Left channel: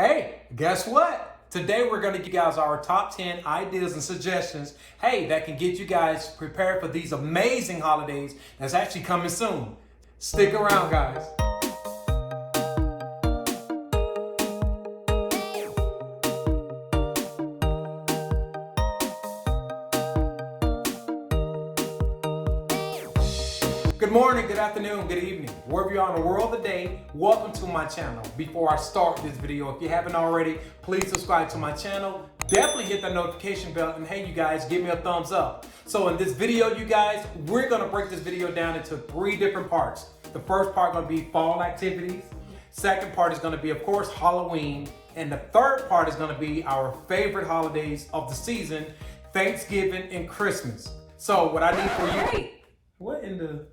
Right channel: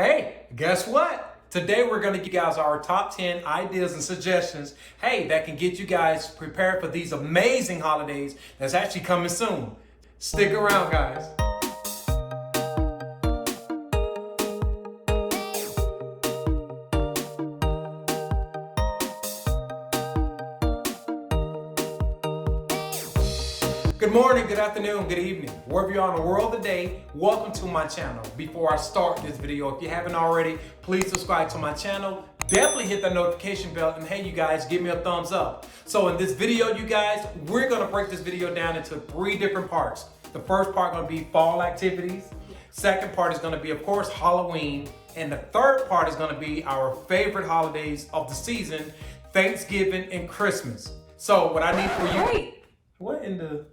Hey, guess what? Today we're going to give you guys our top 10 ideas and suggestions, that can get you guys prepared for these amazing holidays that's actually coming soon. Stick around, guys. Good morning, good afternoon, good evening. Wherever you are in the world today, welcome to my channel. Before I start this video, if you haven't already, please subscribe to my channel. Definitely hit that notification bell, and hey, you guys, give me a thumbs up. So in this video, you guys, we're gonna break this video down into 3 different parts. The first part gonna be fall activities. Second part is gonna be, of course, Halloween. And the third part is gonna be our favorite holidays of the season, Thanksgiving and Christmas. So what I need for you, Hey, what in the...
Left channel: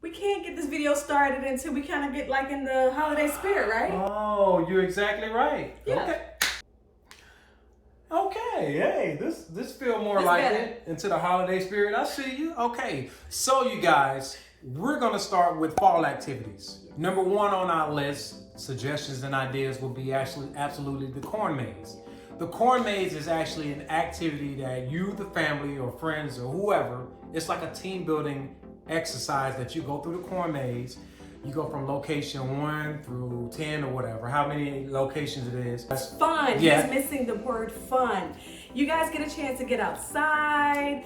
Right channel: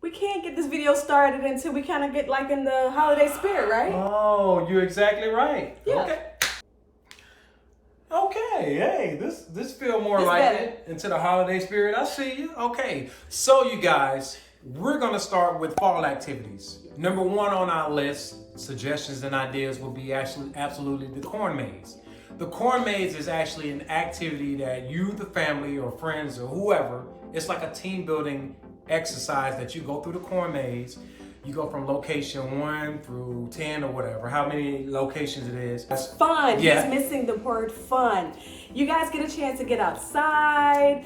we can't get this video started until we kind of get like in the holiday spirit, right? Oh, you're exactly right. Yeah. Okay, hey, this feel more It's like better. it into the holiday spirit. I see you. Okay, so you guys, we're gonna start with fall activities. Number 1 on our list, suggestions and ideas, will be absolutely the corn maze. The corn maze is actually an activity that you, the family or friends or whoever, it's like a team building exercise that you go through the corn maze. You go from location 1 through 10 or whatever, how many locations it is. It's fun. Yeah. He's missing the word fun. You guys get a chance to get outside,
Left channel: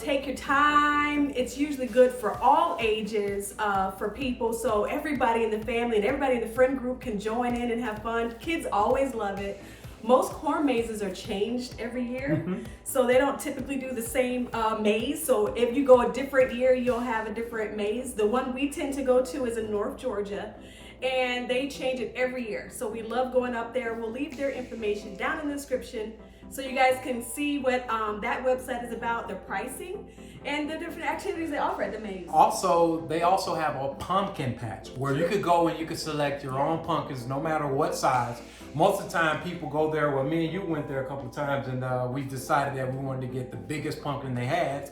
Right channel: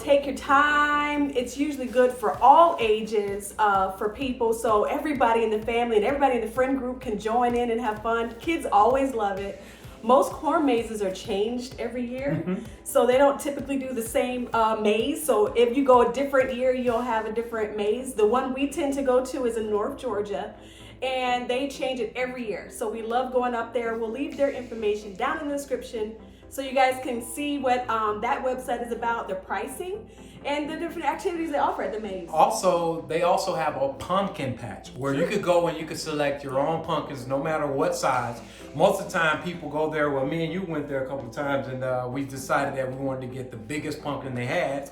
take your time. It's usually good for all ages for people. So everybody in the family and everybody in the friend group can join in and have fun. Kids always love it. Most corn mazes are changed every year, so they don't typically do the same maze. So if you go a different year, you'll have a different maze. The one we tend to go to is in North Georgia, and they change it every year. So we love going up there. We'll leave their information down in the description so you guys can see what that website is about, the pricing, and the different activities they offer at the maze. Also, they also have a pumpkin patch where you could go and you could select your own pumpkins no matter what size. Most of the time people go there, well, me and you went there a couple of times, and we decided that we wanted to get the biggest pumpkin they had.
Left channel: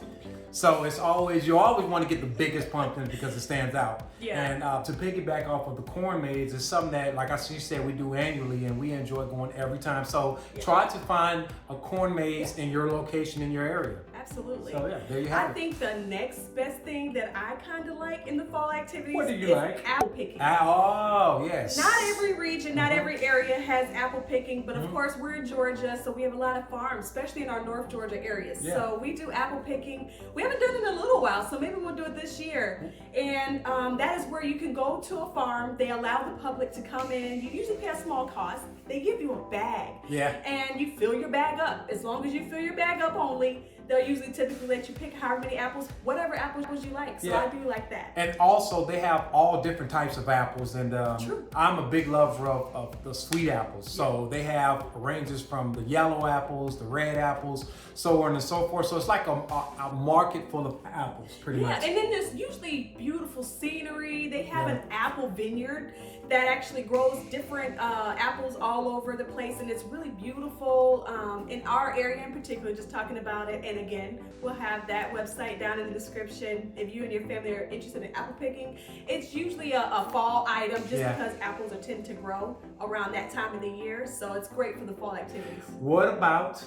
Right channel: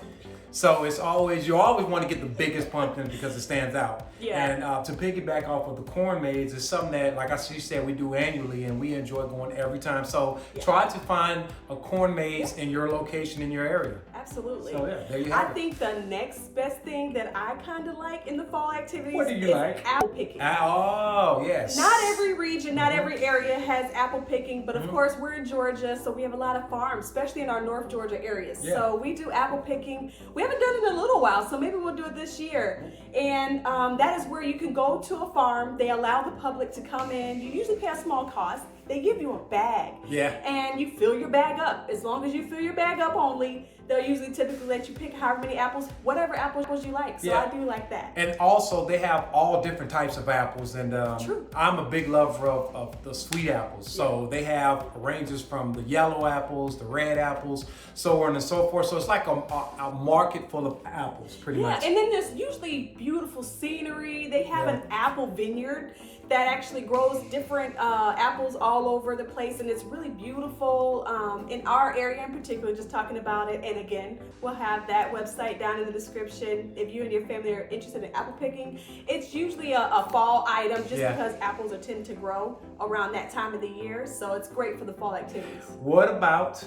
So it's always, you always want to get the biggest pumpkin because it stands out. Yeah. And to piggyback off of the corn maze is something that, like you said, we do annually and we enjoy going every time. So try to find a corn maze in your location, in your area. Absolutely. So yeah, there you have I it. think the next best thing that I kind of like in the fall activities What do you is like? apple picking. Oh, yes. Not every region, not every area has apple picking, but of course we're in Georgia, so we have a lot of farms, especially in our North Georgia areas. Yeah. So we do apple picking. We haven't done it in a little while, so maybe we'll do it this year. And that is where you can go to a farm. They allow the public to come in. You usually pay a small cost. They give you a bag. Yeah. And you fill your bag up. As long as you fill your bag up only, they'll usually typically let you pick however many apples, whatever apples you like. So Yeah. I do like that. And also, they have all different types of apples, and True. I'm a big lover of the sweet apples. So they have ranges from the yellow apples, the red apples, so on and so forth. So it's like a market full of apples, pretty Yeah, much. and then there's usually beautiful scenery. They have Yeah. an apple vineyard that actually grows different apples all over the place, and it's really beautiful in our area in particular, just talking about it. And again, we'll have that website down in the description if you and your family are interested in apple picking. It's usually a fall item just Yeah. because apples are tend to grow around that time of the year, so it's great for the fall activities. What about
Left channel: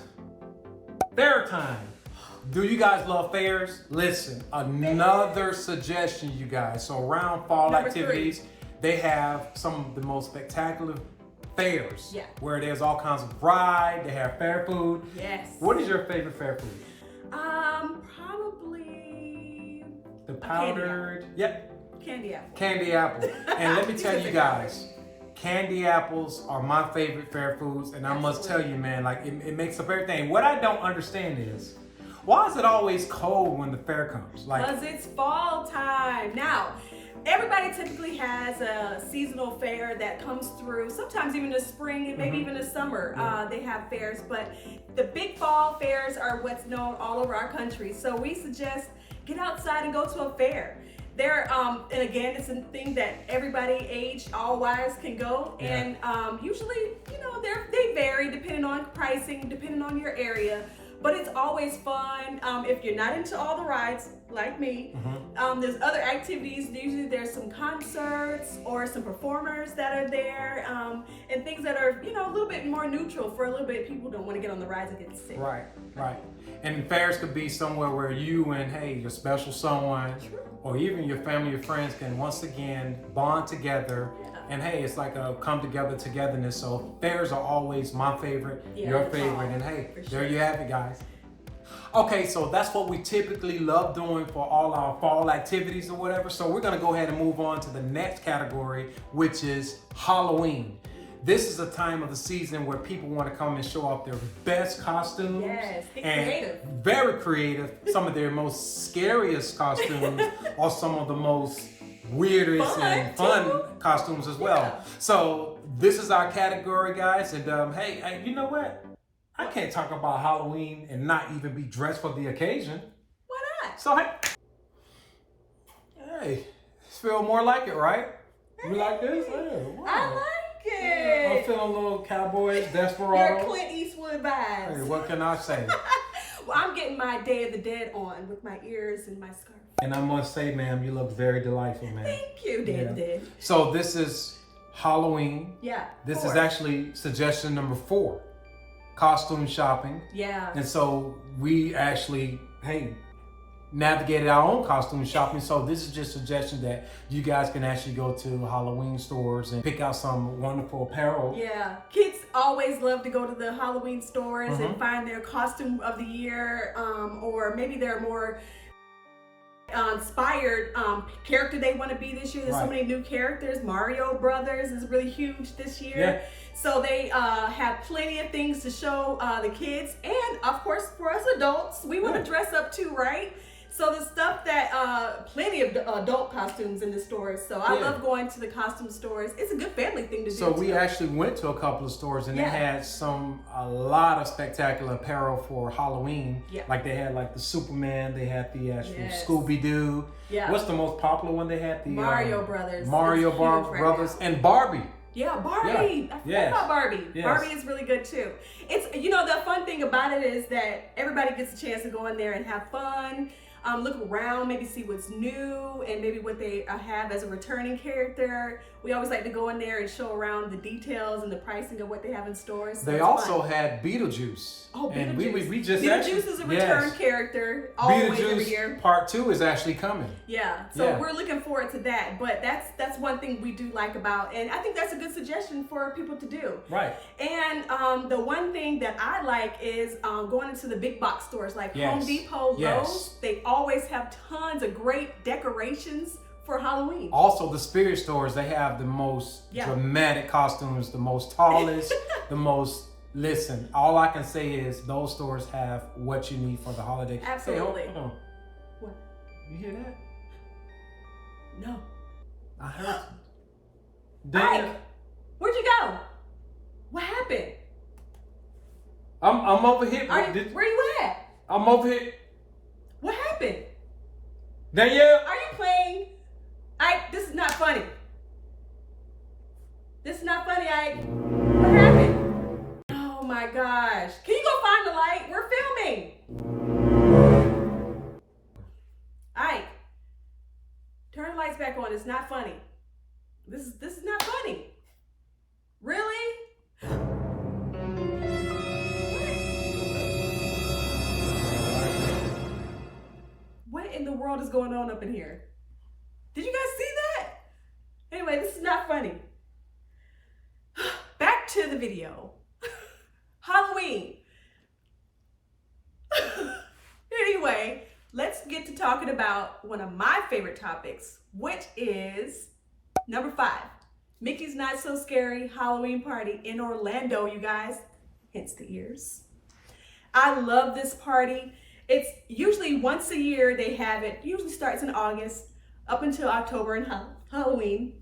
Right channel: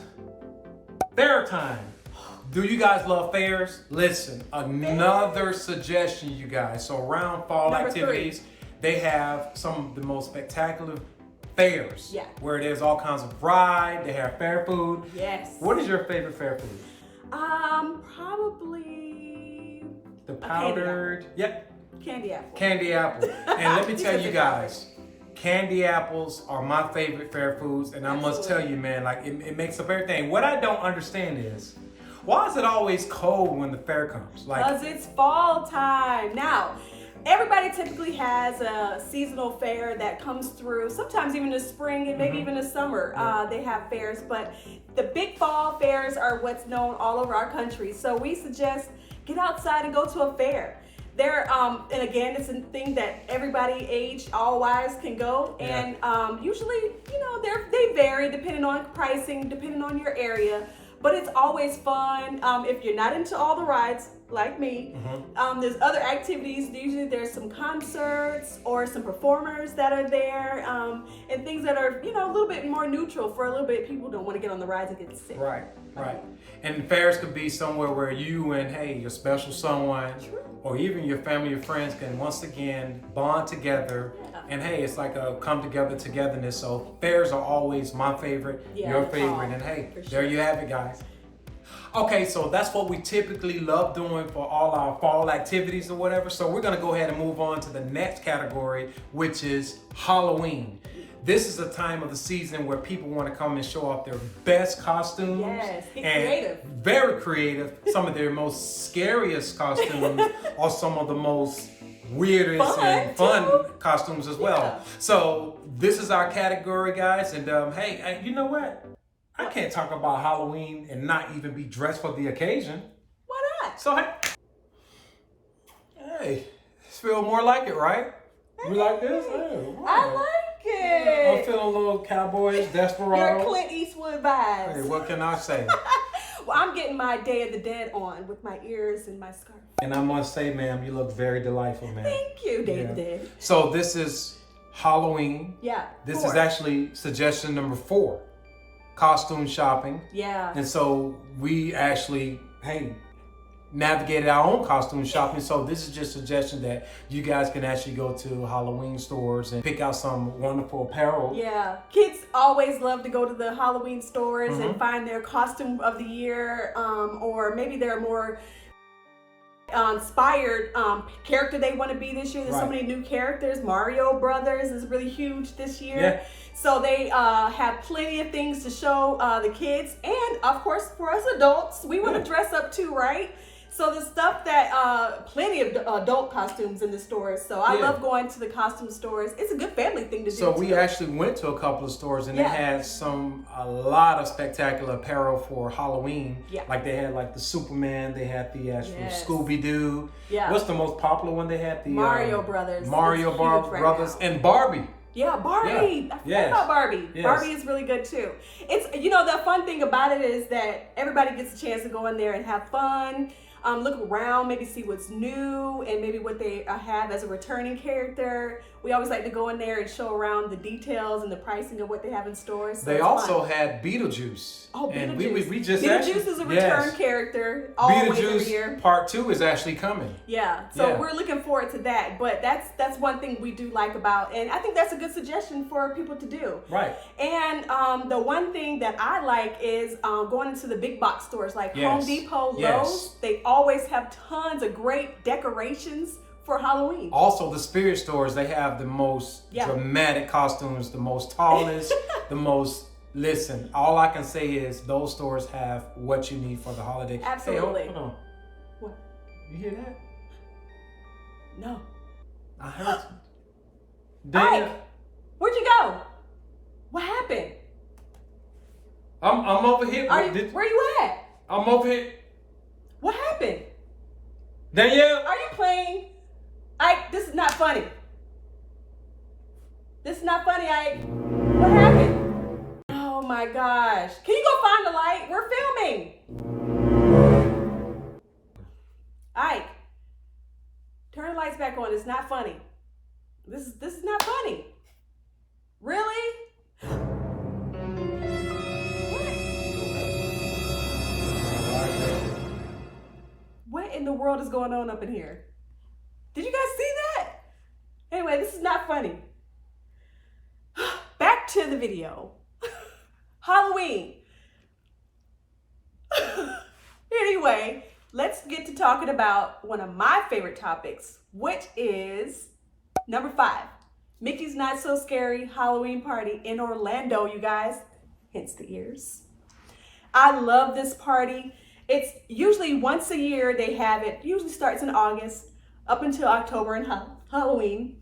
fair time? Do you guys love fairs? Listen, another suggestion, you guys. So around fall Number activities, they have some of the most spectacular fairs. Yeah. Where there's all kinds of ride, they have fair food. Yes. What is your favorite fair food? Probably The candy powdered, candy apple. candy apple. And let me You tell said you the guys, candy apples are my favorite fair foods. And I must tell Absolutely. you, man, like it makes up everything. What I don't understand is, why is it always cold when the fair comes? Like, Because it's fall time. Now, everybody typically has a seasonal fair that comes through, sometimes even in the spring and maybe even the summer. They have fairs, but the big fall fairs are what's known all over our country. So we suggest get outside and go to a fair. They're, and again, it's a thing that everybody aged, all wise can go. Yeah. And usually, they vary depending on pricing, depending on your area. but it's always fun. If you're not into all the rides like me, there's other activities. Usually there's some concerts or some performers that are there, and things that are, you know, a little bit more neutral for a little bit. People don't want to get on the rides if it's sick. Right. And fairs could be somewhere where you and, hey, your special someone, or even your family or friends can once again bond together. And hey, it's like a come together togetherness. So fairs are always my favorite, your favorite. And hey, there you have it, guys. Okay, so that's what we typically love doing for all our fall activities or whatever. So we're gonna go ahead and move on to the next category, which is Halloween. This is a time of the season where people want to come and show off their best costumes. Yes, be and creative. Very creative. Some of their most scariest costumes are some of the most weirdest and fun costumes as well. Yeah. So this is our category, guys. And hey, you know what? I can't talk about Halloween and not even be dressed for the occasion. Why not? So hey, feel more like it, right? You like this? Hey, wow. I like it. Yeah, I'm feeling a little Cowboys, Desperado. Your Clint Eastwood vibes. Hey, what can I say? Well, I'm getting my Day of the Dead on with my ears and my scarf. And I must say, ma'am, you look very delightful, ma'am. Thank you, Day of the Dead. So this is Halloween. Yeah. This is actually suggestion number 4, costume shopping. Yeah. And so we actually, hey, navigated our own costume shopping. So this is just a suggestion that you guys can actually go to Halloween stores and pick out some wonderful apparel. Yeah. Kids always love to go to the Halloween stores and find their costume of the year, or maybe they're more inspired character they want to be this year. There's so many new characters. Mario Brothers is really huge this year. Yeah. So they have plenty of things to show the kids, and of course for us adults, we want to dress up too, right? So the stuff that plenty of adult costumes in the stores. So I love going to the costume stores. It's a good family thing to do. So we actually went to a couple of stores and they had a lot of spectacular apparel for Halloween. Yeah. Like they had like the Superman, they had the actual Scooby-Doo. Yeah. What's the most popular one they had? The Mario Brothers. Mario Brothers and Barbie. Yeah, Barbie. I forgot about Barbie. Yes. Barbie is really good too. It's, you know, the fun thing about it is that everybody gets a chance to go in there and have fun. Look around, maybe see what's new and maybe what they have as a returning character. We always like to go in there and show around the details and the pricing of what they have in stores. So they also had Beetlejuice. Oh, Beetlejuice. And we just Beetlejuice actually, is a return character always every year. Beetlejuice Part 2 is actually coming. Yeah, so we're looking forward to that. But that's one thing we do like about, and I think that's a good suggestion for people to do. Right. And the one thing that I like is going into the big box stores like Home Depot, Lowe's. They always have tons of great decorations for Halloween. Also, the spirit stores, they have the most dramatic costumes, the most tallest, the most. Listen, all I can say is those stores have what you need for the holiday. Absolutely. Hey, hold on. What? You hear that? No. I heard. Ike, where'd you go? What happened? I'm over here. Where you at? I'm over here. What happened? Danielle? Are you playing? Ike, this is not funny. This is not funny, Ike. What happened? Oh my gosh. Can you go find the light? We're filming. Ike, turn the lights back on. It's not funny. This is not funny. Really? What in the world is going on up in here? Did you guys see that? Anyway, this is not funny. Back to the video. Halloween. Anyway, let's get to talking about one of my favorite topics, which is number 5. Mickey's Not So Scary Halloween Party in Orlando, you guys. Hence the ears. I love this party. It's usually once a year they have it. Usually starts in August up until October and Halloween.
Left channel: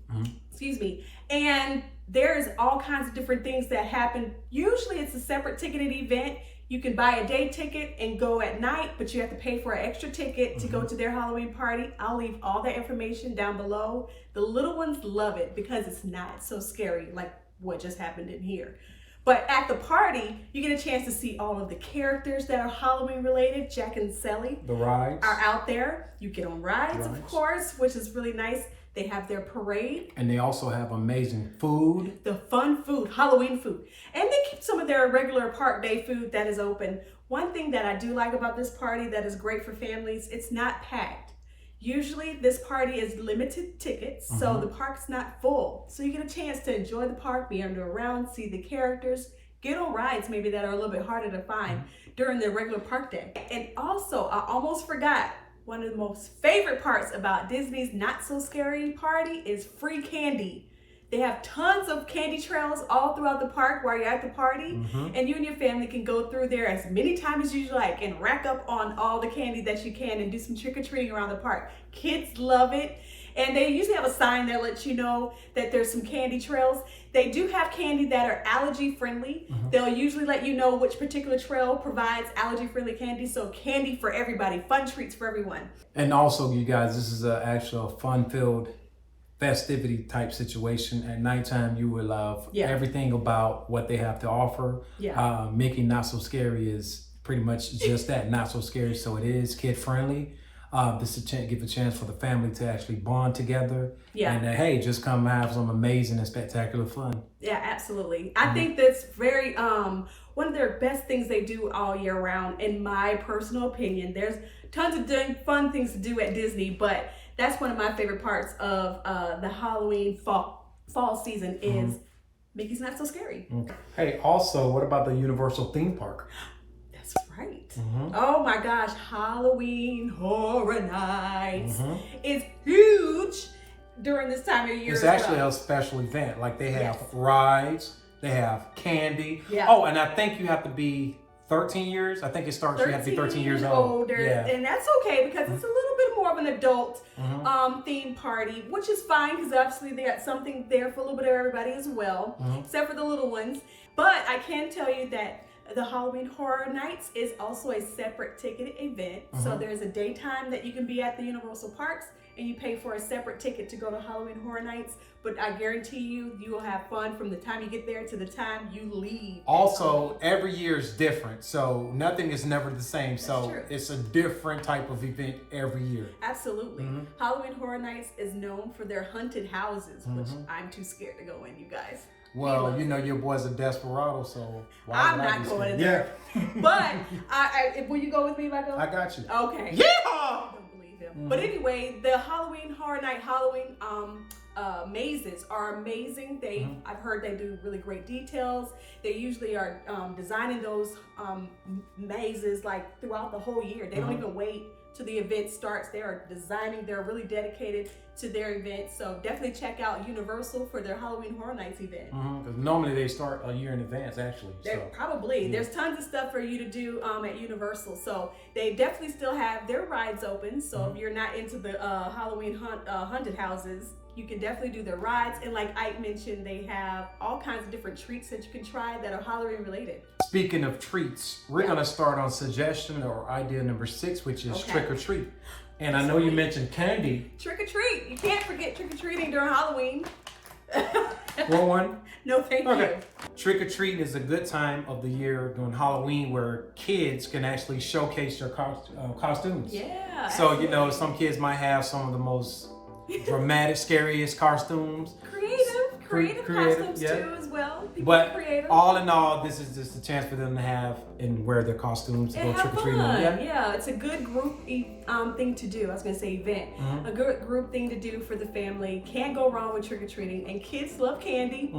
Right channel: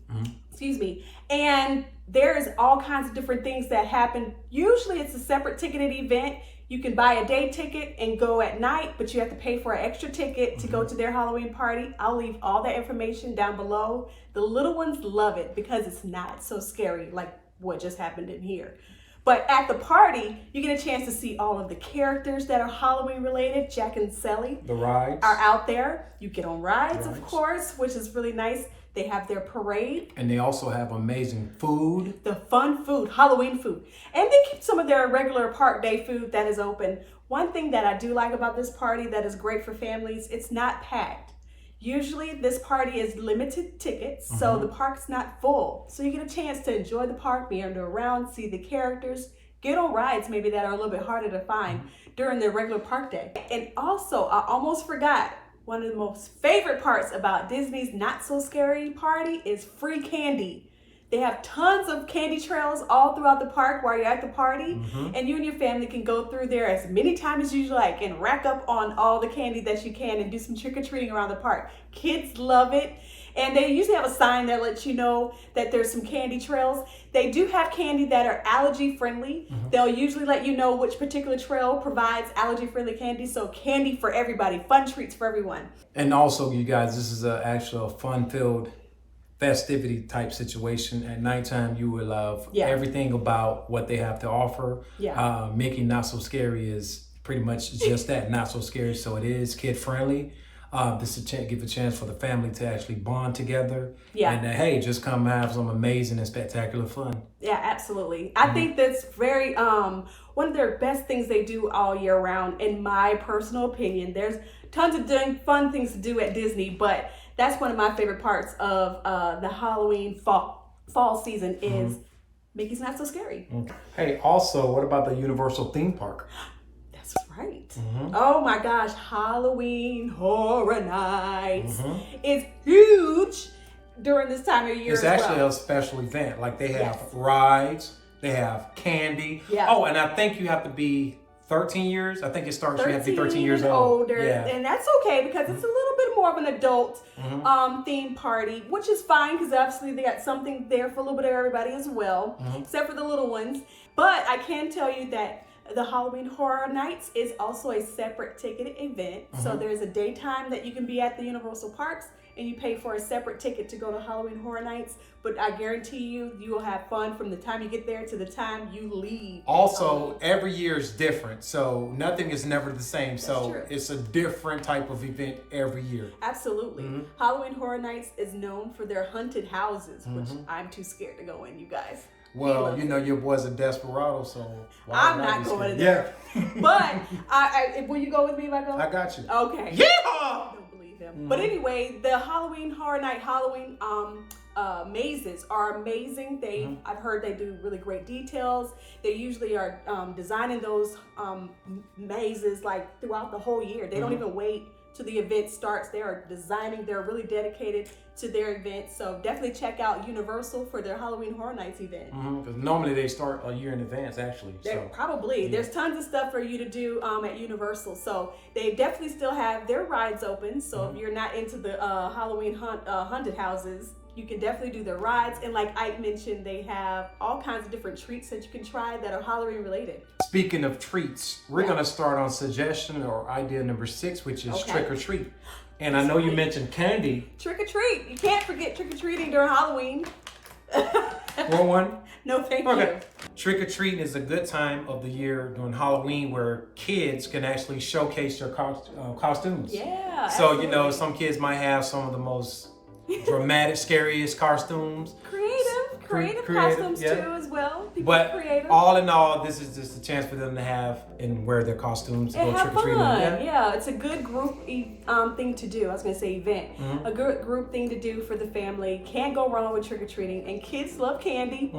Excuse me. And there's all kinds of different things that happen. Usually it's a separate ticketed event. You can buy a day ticket and go at night, but you have to pay for an extra ticket to go to their Halloween party. I'll leave all that information down below. The little ones love it because it's not so scary like what just happened in here. But at the party, you get a chance to see all of the characters that are Halloween related. Jack and Sally The rides are out there. You get on rides, of course, which is really nice. They have their parade. And they also have amazing food. The fun food, Halloween food. And they keep some of their regular park day food that is open. One thing that I do like about this party that is great for families, it's not packed. Usually this party is limited tickets, so the park's not full. So you get a chance to enjoy the park, meander around, see the characters, get on rides maybe that are a little bit harder to find during the regular park day. And also, I almost forgot, one of the most favorite parts about Disney's Not So Scary Party is free candy. They have tons of candy trails all throughout the park while you're at the party. And you and your family can go through there as many times as you like and rack up on all the candy that you can and do some trick-or-treating around the park. Kids love it. And they usually have a sign that lets you know that there's some candy trails. They do have candy that are allergy friendly. They'll usually let you know which particular trail provides allergy friendly candy. So candy for everybody, fun treats for everyone. And also, you guys, this is an actual fun-filled festivity type situation. At nighttime, you will love everything about what they have to offer. Mickey Not So Scary is pretty much just that, not so scary. So it is kid friendly. This is give a chance for the family to actually bond together. And hey, just come have some amazing and spectacular fun. Yeah, absolutely. I think that's very one of their best things they do all year round, in my personal opinion. There's tons of fun things to do at Disney, but that's one of my favorite parts of the Halloween fall season is Mickey's Not So Scary. Hey, also, what about the Universal theme park? That's right. Oh my gosh, Halloween Horror Nights is huge during this time of year. It's actually a special event. Like they have rides, they have candy. Oh, and I think you have to be 13 years. I think it starts, you have to be 13 years old. And that's okay because it's a little bit more of an adult theme party, which is fine because obviously they got something there for a little bit of everybody as well, except for the little ones. But I can tell you that the Halloween Horror Nights is also a separate ticketed event. So there's a daytime that you can be at the Universal Parks and you pay for a separate ticket to go to Halloween Horror Nights. But I guarantee you will have fun from the time you get there to the time you leave. Also, every year is different. So nothing is never the same. So true. It's a different type of event every year. Absolutely. Halloween Horror Nights is known for their haunted houses, which I'm too scared to go in, you guys. Well, you know your boy's a desperado, so why I'm not going in there. But will you go with me if I go? I got you. Okay. Yeah. I don't believe him. But anyway, the Halloween Horror Night Halloween mazes are amazing. I've heard they do really great details. They usually are designing those mazes like throughout the whole year. They don't even wait till the event starts. They are designing. They're really dedicated to their event. So definitely check out Universal for their Halloween Horror Nights event. Because normally they start a year in advance, actually. Probably. There's tons of stuff for you to do at Universal. So they definitely still have their rides open. So if you're not into the Halloween haunted houses, you can definitely do the rides. And like Ike mentioned, they have all kinds of different treats that you can try that are Halloween related. Speaking of treats, we're going to start on suggestion or idea number 6, which is trick or treat. And I know you mentioned candy. Trick or treat. You can't forget trick or treating during Halloween. Want one? No, thank you. Trick or treating is a good time of the year during Halloween where kids can actually showcase their costumes. Yeah. So, you know, some kids might have some of the most dramatic, scariest costumes. Creative costumes too as well. But all in all, this is just a chance for them to have and wear their costumes to go trick-or-treating. Yeah, it's a good group thing to do. I was going to say event. A good group thing to do for the family. Can't go wrong with trick-or-treating. And kids love candy.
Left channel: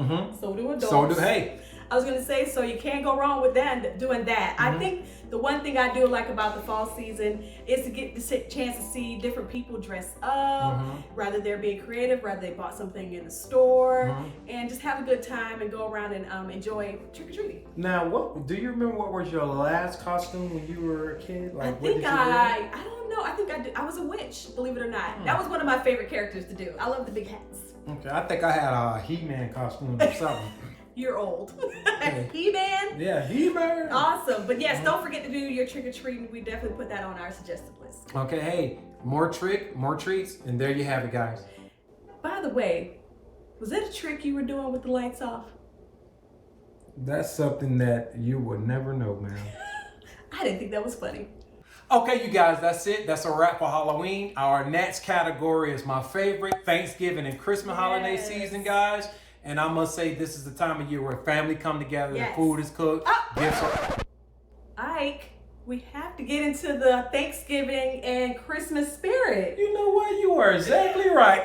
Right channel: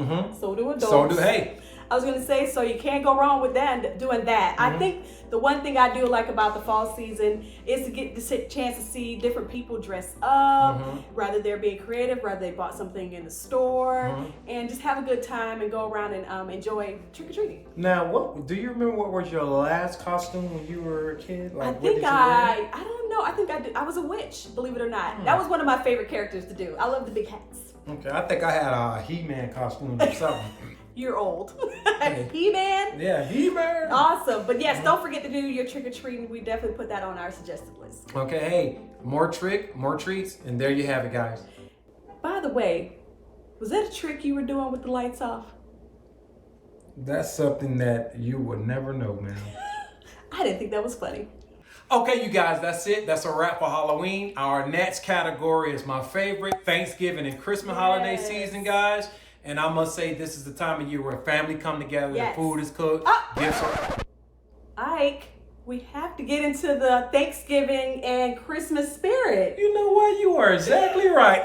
So do adults. So do, hey. I was going to say, so you can't go wrong with that, doing that. I think the one thing I do like about the fall season is to get the chance to see different people dress up, rather they're being creative, rather they bought something in the store, and just have a good time and go around and enjoy trick-or-treating. Now, do you remember what was your last costume when you were a kid? Like, I don't know. I think I did. I was a witch, believe it or not. That was one of my favorite characters to do. I love the big hats. Okay, I think I had a He-Man costume or something. You're old. He-Man? Yeah, He-Man. Awesome. But yes, don't forget to do your trick-or-treating. We definitely put that on our suggested list. Okay, hey, more treats, and there you have it, guys. By the way, was that a trick you were doing with the lights off? That's something that you would never know, man. I didn't think that was funny. Okay, you guys, that's it. That's a wrap for Halloween. Our next category is my favorite, Thanksgiving and Christmas holiday season, guys. And I must say, this is the time of year where family come together, the food is cooked, gifts are... Ike, we have to get into the Thanksgiving and Christmas spirit. You know what? You are exactly right.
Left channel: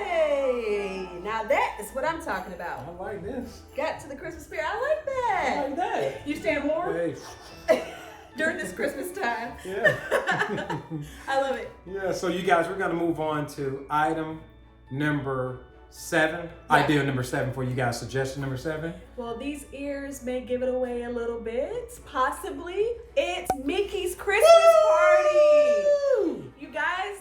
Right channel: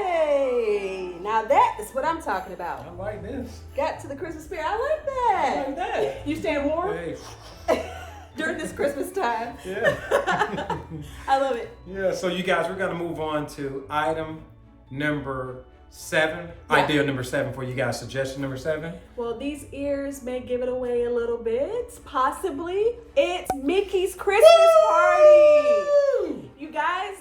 Hey, now that is what I'm talking about. I like this. Got to the Christmas spirit. I like that. I like that. You staying warm? Hey. During this Christmas time. Yeah. I love it. Yeah, so you guys, we're going to move on to item number 7. Yeah. Idea number 7 for you guys. Suggestion number 7. Well, these ears may give it away a little bit. Possibly. It's Mickey's Christmas party. You guys,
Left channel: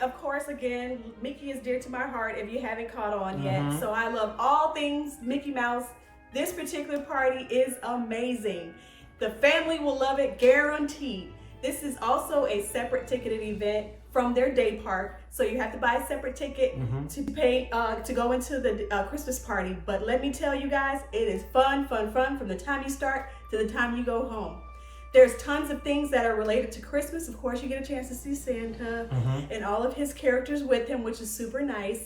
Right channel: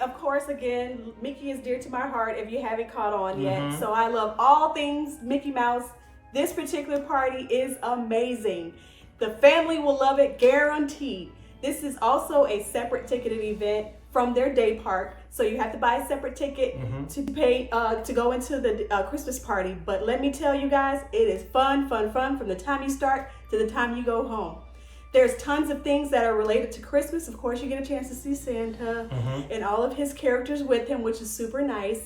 of course, again, Mickey is dear to my heart if you haven't caught on yet. So I love all things Mickey Mouse. This particular party is amazing. The family will love it, guaranteed. This is also a separate ticketed event from their day park. So you have to buy a separate ticket to pay to go into the Christmas party. But let me tell you guys, it is fun from the time you start to the time you go home. There's tons of things that are related to Christmas. Of course, you get a chance to see Santa and all of his characters with him, which is super nice.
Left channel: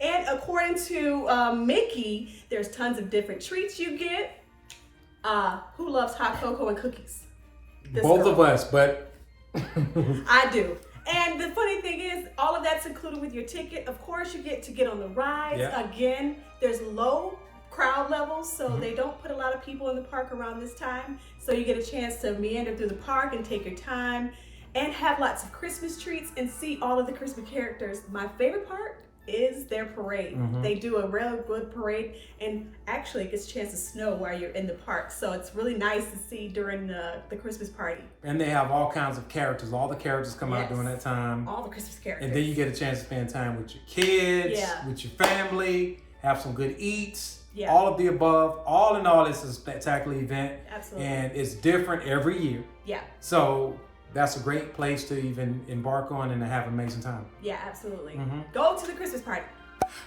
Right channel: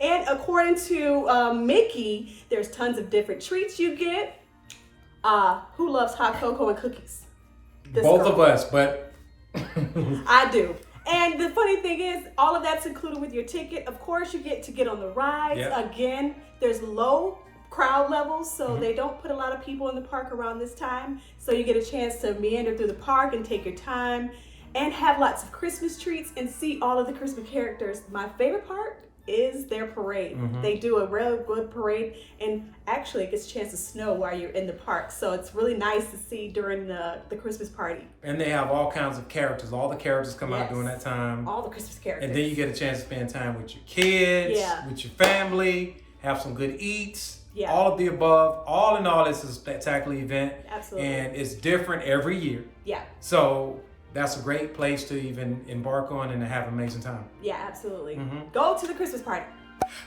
And according to Mickey, there's tons of different treats you get. Who loves hot cocoa and cookies? Both of us, but... I do. And the funny thing is, all of that's included with your ticket. Of course, you get to get on the rides. Yep. Again, there's low crowd levels, so they don't put a lot of people in the park around this time. So you get a chance to meander through the park and take your time and have lots of Christmas treats and see all of the Christmas characters. My favorite part is their parade. They do a real good parade, and actually it gets a chance to snow while you're in the park. So it's really nice to see during the Christmas party. And they have all kinds of characters. All the characters come out during that time. All the Christmas characters. And then you get a chance to spend time with your kids, with your family, have some good eats. All of the above. All in all, it's a spectacular event. Absolutely. And it's different every year. Yeah. So that's a great place to even embark on and to have an amazing time. Yeah, absolutely. Go to the Christmas party.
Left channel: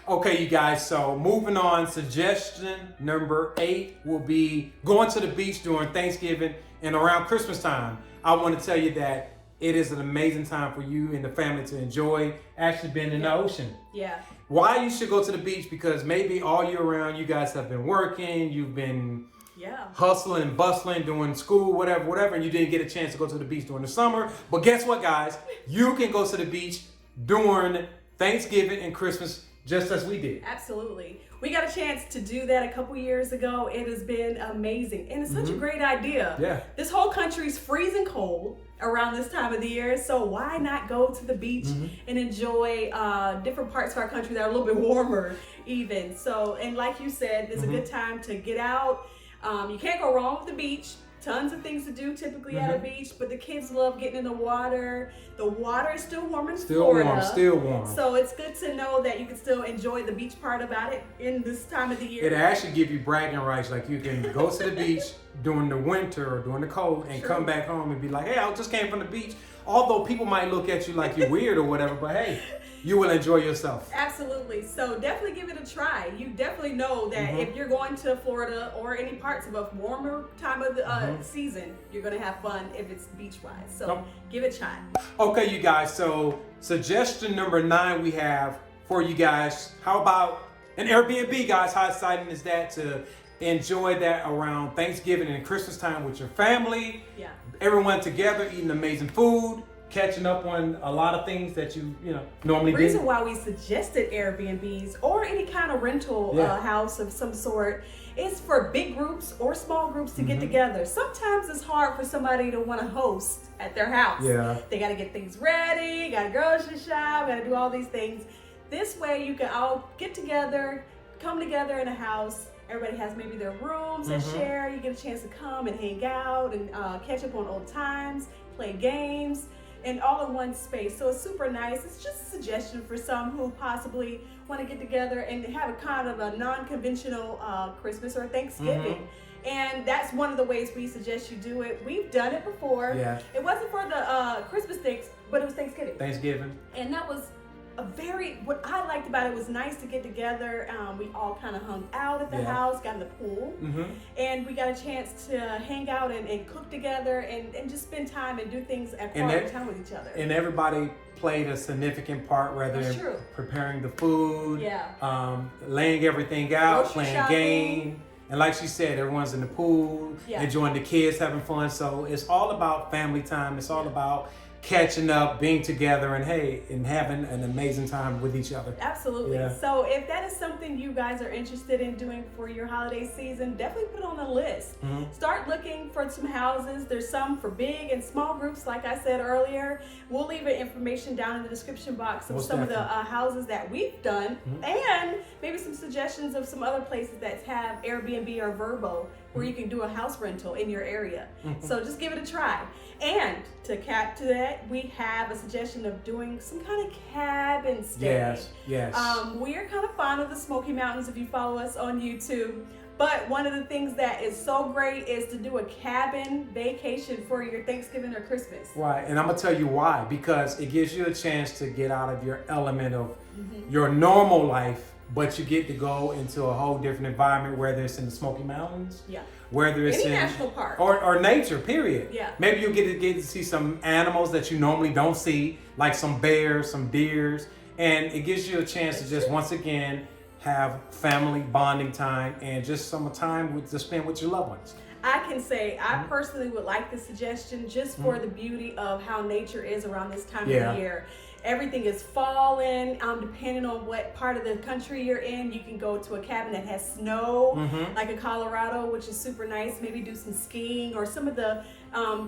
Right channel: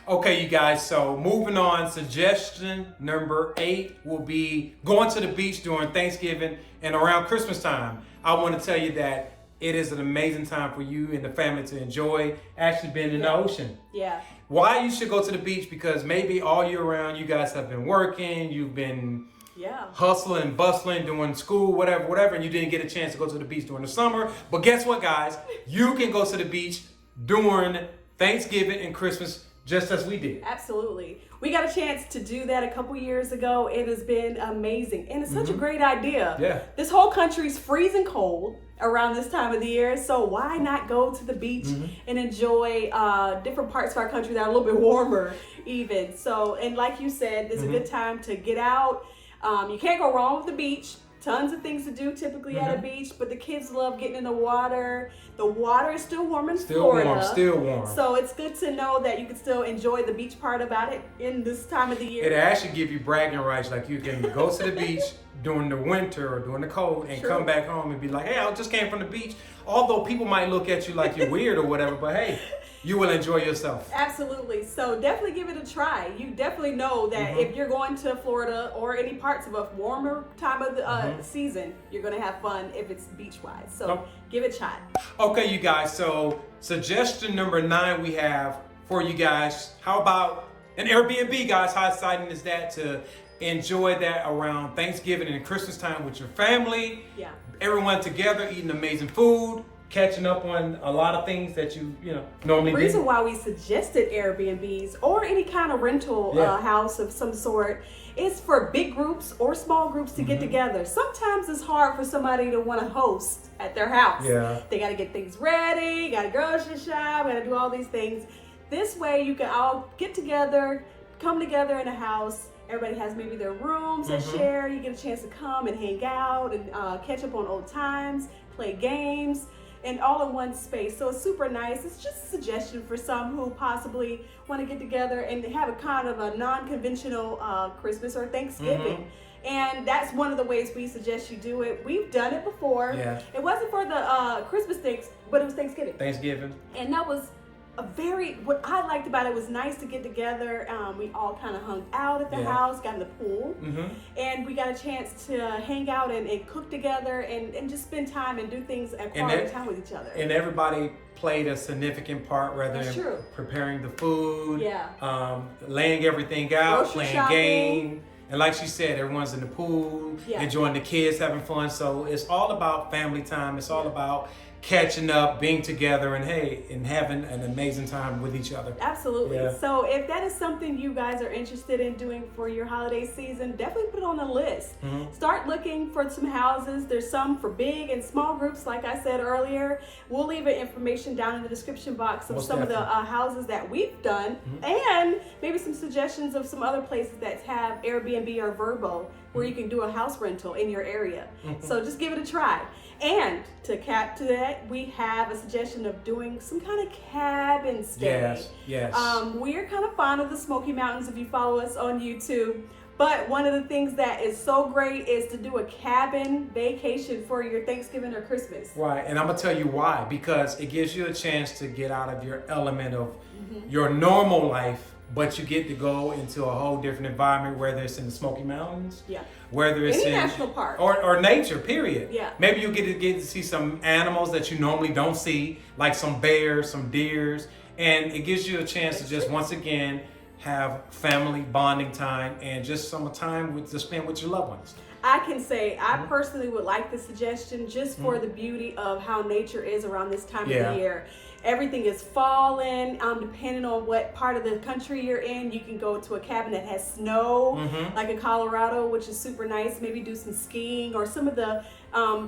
Okay, you guys, so moving on, suggestion number 8 will be going to the beach during Thanksgiving and around Christmas time. I want to tell you that it is an amazing time for you and the family to enjoy actually being in the ocean. Yeah. Why you should go to the beach? Because maybe all year round you guys have been working, you've been hustling and bustling, doing school, whatever, and you didn't get a chance to go to the beach during the summer. But guess what, guys? You can go to the beach during Thanksgiving and Christmas just as we did. Absolutely. We got a chance to do that a couple years ago. It has been amazing. And it's such a great idea. Yeah. This whole country's freezing cold around this time of the year. So why not go to the beach and enjoy different parts of our country that are a little bit warmer even. So, and like you said, this is a good time to get out. You can't go wrong with the beach. Tons of things to do typically at a beach, but the kids love getting in the water. The water is still warm in Florida. Still warm. So it's good to know that you can still enjoy the beach part about it in this time of the year. It actually give you bragging rights. Like you can go to the beach during the winter or during the cold and come back home and be like, hey, I just came from the beach. Although people might look at you like you're weird or whatever, but hey, you will enjoy yourself. Absolutely. So definitely give it a try. You definitely know that if you're going to Florida or any parts of a warmer time of the season, you're going to have fun if it's beach-wise. So give it a try. Okay, you guys. So suggestion number 9 we have for you guys. How about an Airbnb, guys? How exciting is that to enjoy that around Thanksgiving and Christmas time with your family? Yeah. Everyone together eating amazing food, catching up on a lot of things that you normally do. The reason why we suggested Airbnbs or any kind of rental house of some sort is for big groups or small groups to get together. Sometimes it's hard for somebody to want to host at their house. Yeah. They got to get things ready, got to grocery shop, got to do all these things. This way you can all get together, come together in a house. Everybody has maybe their rooms to share. You get a chance to come and hang out and catch up on old times, play games, and all in one space. So it's super nice. It's just a suggestion for some who possibly want to get together and have a kind of a non-conventional Christmas or Thanksgiving. And that's one of the ways we suggest you do it. We've done it before. Yeah. It wasn't for the Christmas things, but it was Thanksgiving. Thanksgiving. And that was what I liked about it was nice to get together. We all kind of hung out at the house, got in the pool, and we got a chance to hang out and cook together and just spend time and do things at quality time with each other. And everybody played a significant part, whether in preparing the food, laying everything out, playing games. And like she said, everyone's in the pool, enjoying the kids, having fun. So it's all about family time. It's all about catching up, being together, and having an amazing time with each other. Absolutely. Yeah. So if that is something you guys are interested in doing for your holiday season, definitely put it on the list. Start looking for some houses. There's some for big and small groups, like I said earlier. We'll leave information down in the description box of some of the houses that we've done, and maybe some suggestions of some other places that have Airbnb or Vrbo where you can do a house rental in your area. So just give it a try. And to cap to that, we have a suggestion of doing some kind of cabin stay. Yes. We're kind of fond of the Smoky Mountains if you follow us on YouTube. But one of the things that is so great is to do a cabin vacation for your Thanksgiving or Christmas. Right, and I'm gonna tell you why. Because it gives you a chance to get out of your element of your normal life, but you get to go into a whole different environment, whether it's in the Smoky Mountains, whether it's in national park or nature, period. Maybe you'll get to see some animals that you normally don't see, like some bears, some deers, and it gives you a chance to just once again have family bonding time and just some time to spend with your loved ones. I can say I personally would like the suggestion just for the beauty of how nature is around this time of the year. Everything is falling. Depending on what part of the country you're in, you can go to a cabin that has snow, like in Colorado, which is super nice. Maybe do some skiing or some of the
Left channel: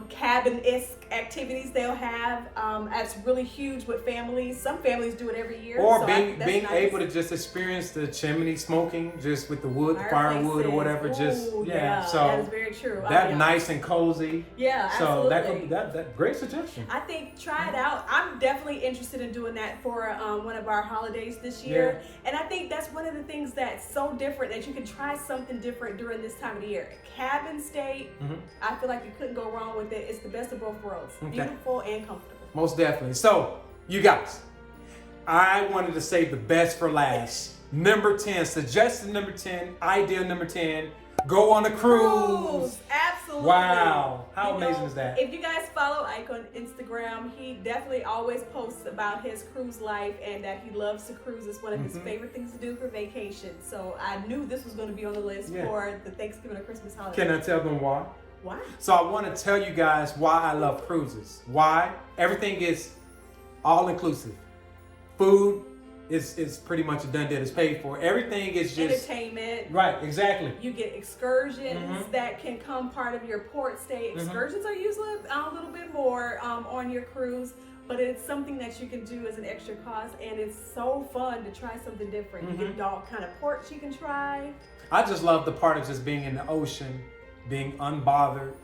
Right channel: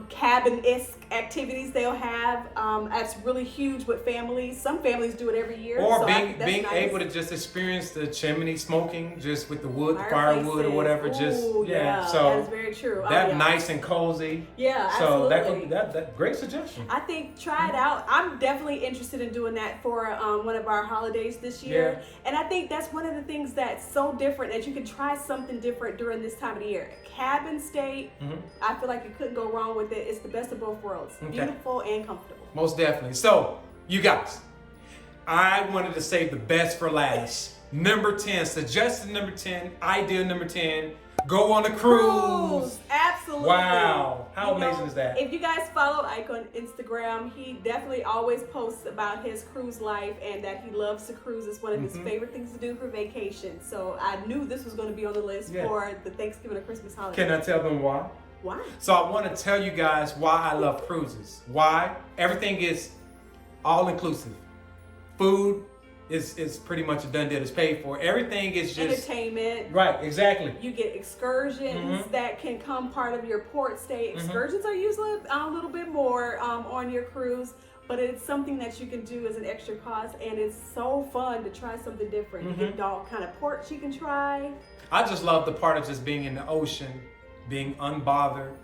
cabin-esque activities they'll have. That's really huge with families. Some families do it every year. Or so being able to just experience the chimney smoking, just with the wood, the firewood or whatever. So that is very true. That's nice and cozy. Yeah, absolutely. So that great suggestion. I think try it out. I'm definitely interested in doing that for one of our holidays this year. And I think that's one of the things that's so different, that you can try something different during this time of the year. Cabin stay, I feel like you couldn't go wrong with it. It's the best of both worlds. Beautiful and comfortable. Most definitely. So, you guys, I wanted to save the best for last. Number 10, suggestion number 10, idea number 10, go on a cruise. Absolutely. Wow. How amazing is that? If you guys follow Ike on Instagram, he definitely always posts about his cruise life and that he loves to cruise. It's one of his favorite things to do for vacation. So I knew this was going to be on the list for the Thanksgiving or Christmas holiday. Can I tell them why? Why? So I want to tell you guys why I love cruises. Why? Everything is all inclusive. Food is pretty much a done deal. It's paid for. Everything is just entertainment. Right, exactly. You get excursions that can come part of your port stay. Excursions are usually a little bit more on your cruise, but it's something that you can do as an extra cost, and it's so fun to try something different. You get all kind of ports you can try. I just love the part of just being in the ocean, being unbothered.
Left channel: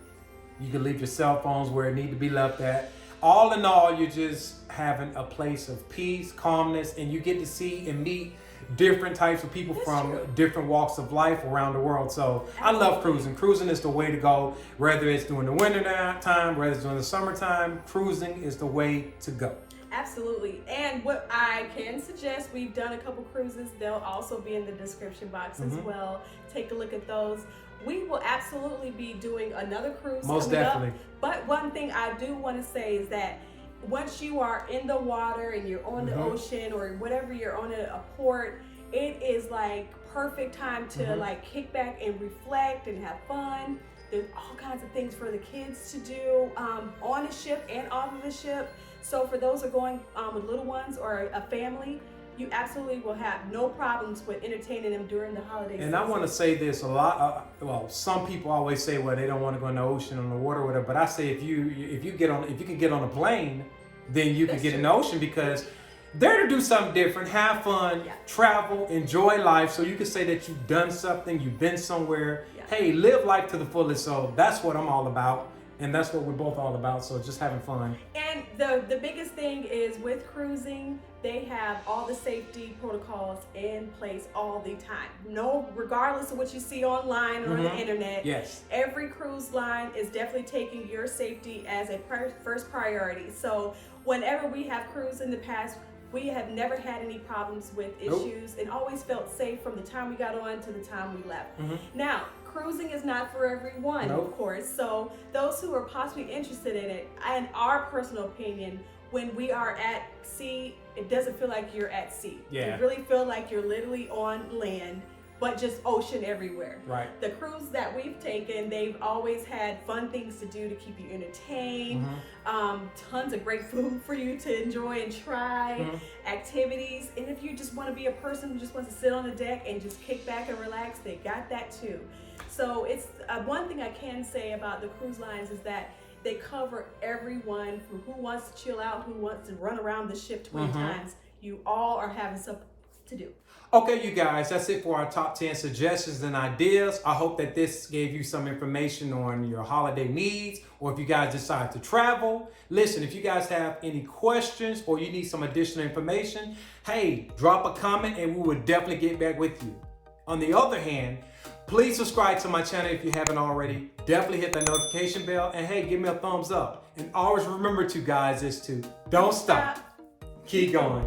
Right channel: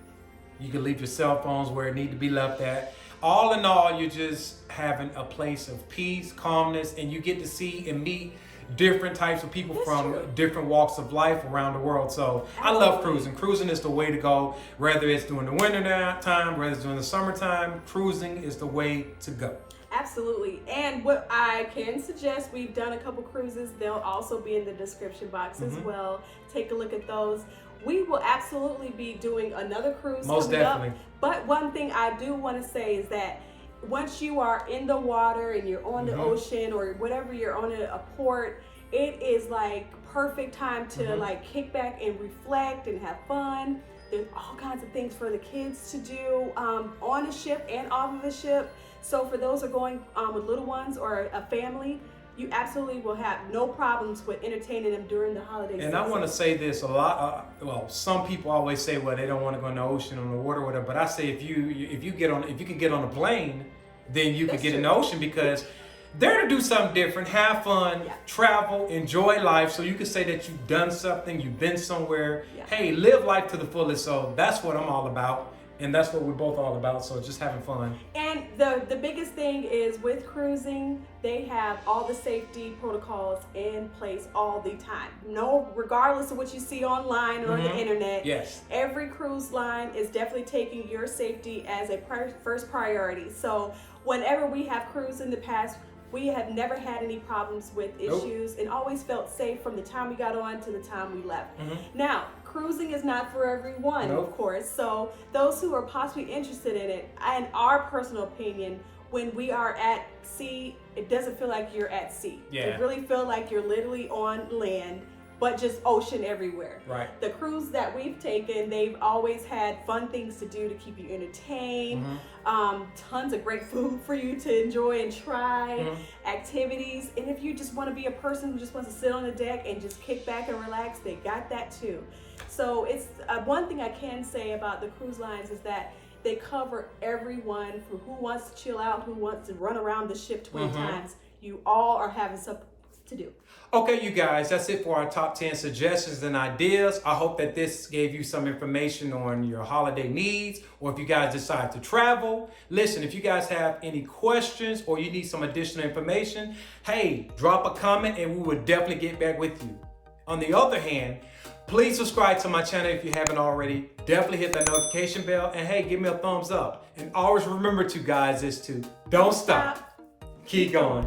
You can leave your cell phones where it need to be left at. All in all, you're just having a place of peace, calmness, and you get to see and meet different types of people from different walks of life around the world. So I love cruising. Cruising is the way to go, whether it's during the winter time, whether it's during the summertime. Cruising is the way to go. Absolutely. And what I can suggest, we've done a couple cruises. They'll also be in the description box as well. Take a look at those. We will absolutely be doing another cruise. Most definitely. But one thing I do want to say is that once you are in the water and you're on the ocean or whatever, you're on a port, it is like perfect time to like kick back and reflect and have fun. There's all kinds of things for the kids to do on the ship and off of the ship. So for those who are going with little ones or a family, you absolutely will have no problems with entertaining them during the holiday season. And I want to say this a lot. Well, some people always say, well, they don't want to go in the ocean, on the water, or whatever. But I say, if you can get on a plane, then you can get in the ocean, because they're to do something different, have fun, travel, enjoy life. So you can say that you've done something, you've been somewhere. Hey, live life to the fullest. So that's what I'm all about. And that's what we're both all about, so just having fun. And the biggest thing is with cruising, they have all the safety protocols in place all the time. No, regardless of what you see online or on the internet, every cruise line is definitely taking your safety as a first priority. So whenever we have cruised in the past, We have never had any problems with Nope. issues and always felt safe from the time we got on to the time we left. Mhm. Now, cruising is not for everyone, Nope. of course. So those who are possibly interested in it, in our personal opinion, when we are at sea, it doesn't feel like you're at sea. Yeah. It really feels like you're literally on land, but just ocean everywhere. Right. The cruise that we've taken, they've always had fun things to do to keep you entertained. Tons of great food for you to enjoy and try, activities. And if you just want to be a person who just wants to sit on the deck and just kick back and relax, they got that too. So it's one thing I can say about the cruise lines is that they cover everyone from who wants to chill out, who wants to run around the ship 20 times. You all are having something to do. Okay, you guys, that's it for our top 10 suggestions and ideas. I hope that this gave you some information on your holiday needs, or if you guys decide to travel. Listen, if you guys have any questions or you need some additional information, hey, drop a comment and we will definitely get back with you. On the other hand, please subscribe to my channel if you haven't already. Definitely hit the notification bell, and hey, give me a thumbs up. And always remember to, guys, is to don't stop. Keep going.